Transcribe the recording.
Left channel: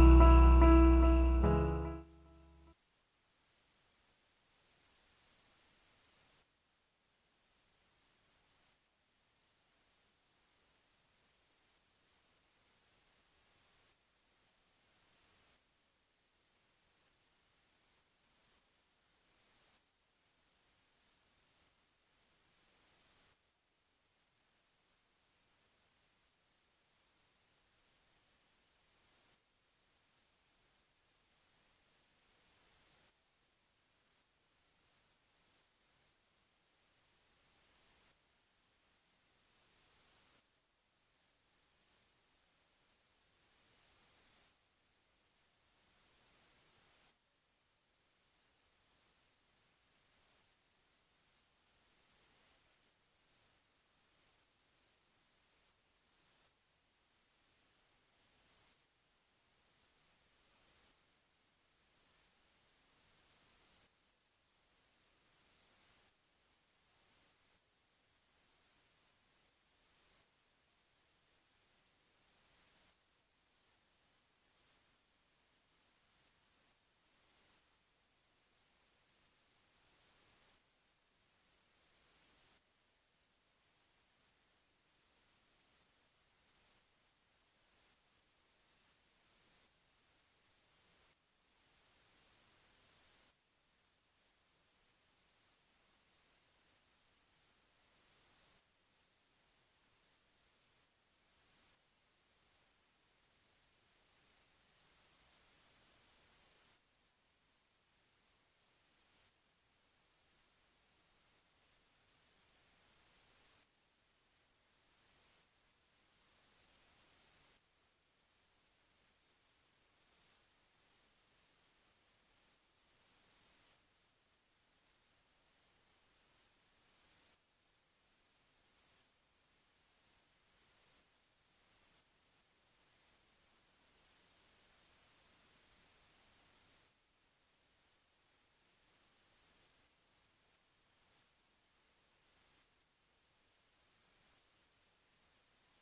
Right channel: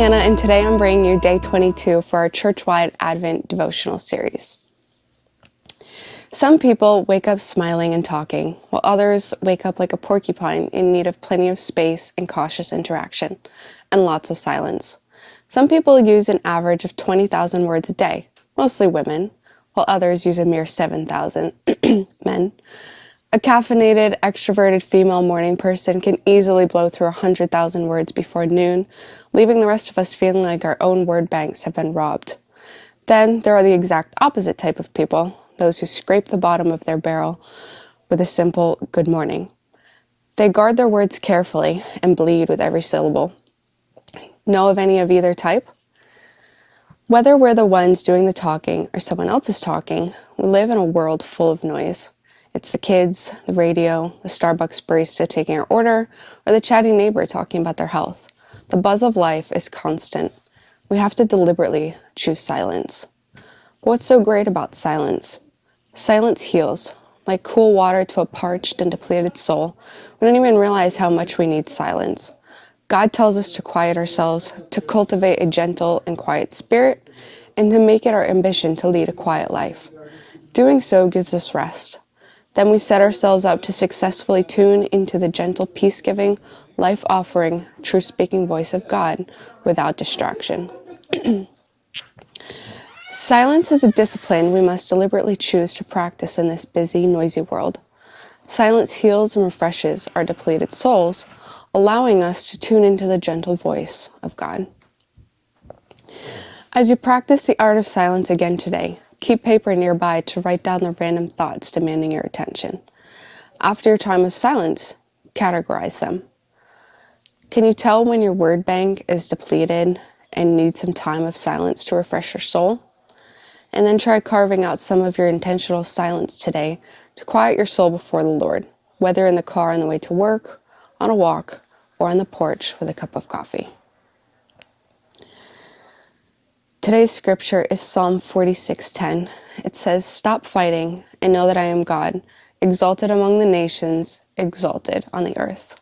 Hannah, and today I'm bringing you day 22 for our church-wide Advent devotional series. Some people wake up smiling and talking, while others wake up like a porcupine in need of plenty of space and cautious interaction, and lots of silence. Some people use an average of 20,000 words a day, mostly women, while others use a mere 7,000, men. A caffeinated, extroverted female morning person can easily blow through 100,000 words before noon, leaving the rest of us feeling like our own word banks have been robbed. Then there are the exact opposite type of people, those who scrape the bottom of their barrel with a simple good morning. They guard their words carefully and bleed with every syllable. Know of any of either type? Whether we're the ones doing the talking or someone else is talking, we live in a world full of noise. It's the kids, the radio, the Starbucks barista taking our order, or the chatty neighbor talking about their health. The buzz of life is constant. We have to deliberately choose silence. But what's so great about silence? Silence heals, like cool water to a parched and depleted soul. We don't even realize how much we need silence. God tells us to quiet ourselves, to cultivate a gentle and quiet spirit, and to make it our ambition to lead a quiet life. Doing so gives us rest. Then we set ourselves up to successfully tune into the gentle, peace-giving, life-offering, truth-speaking voice of God without distraction. Silence is a discipline we must deliberately choose to practice in this busy, noisy world. Silence heals and refreshes our depleted souls, allowing us to tune into the gentle voice of God. As you practice the art of silence again today, keep paper nearby to write down the random thoughts demanding your attention. After your time of silence, categorize them. Can you tell when your word bank is depleted and needs some time of silence to refresh your soul? And then try carving out some of your intentional silence today to quiet your soul before the Lord, whether in the car on the way to work, on a walk, or on the porch with a cup of coffee. Today's scripture is Psalm 46:10. It says, "Stop fighting and know that I am God, exalted among the nations, exalted on the earth."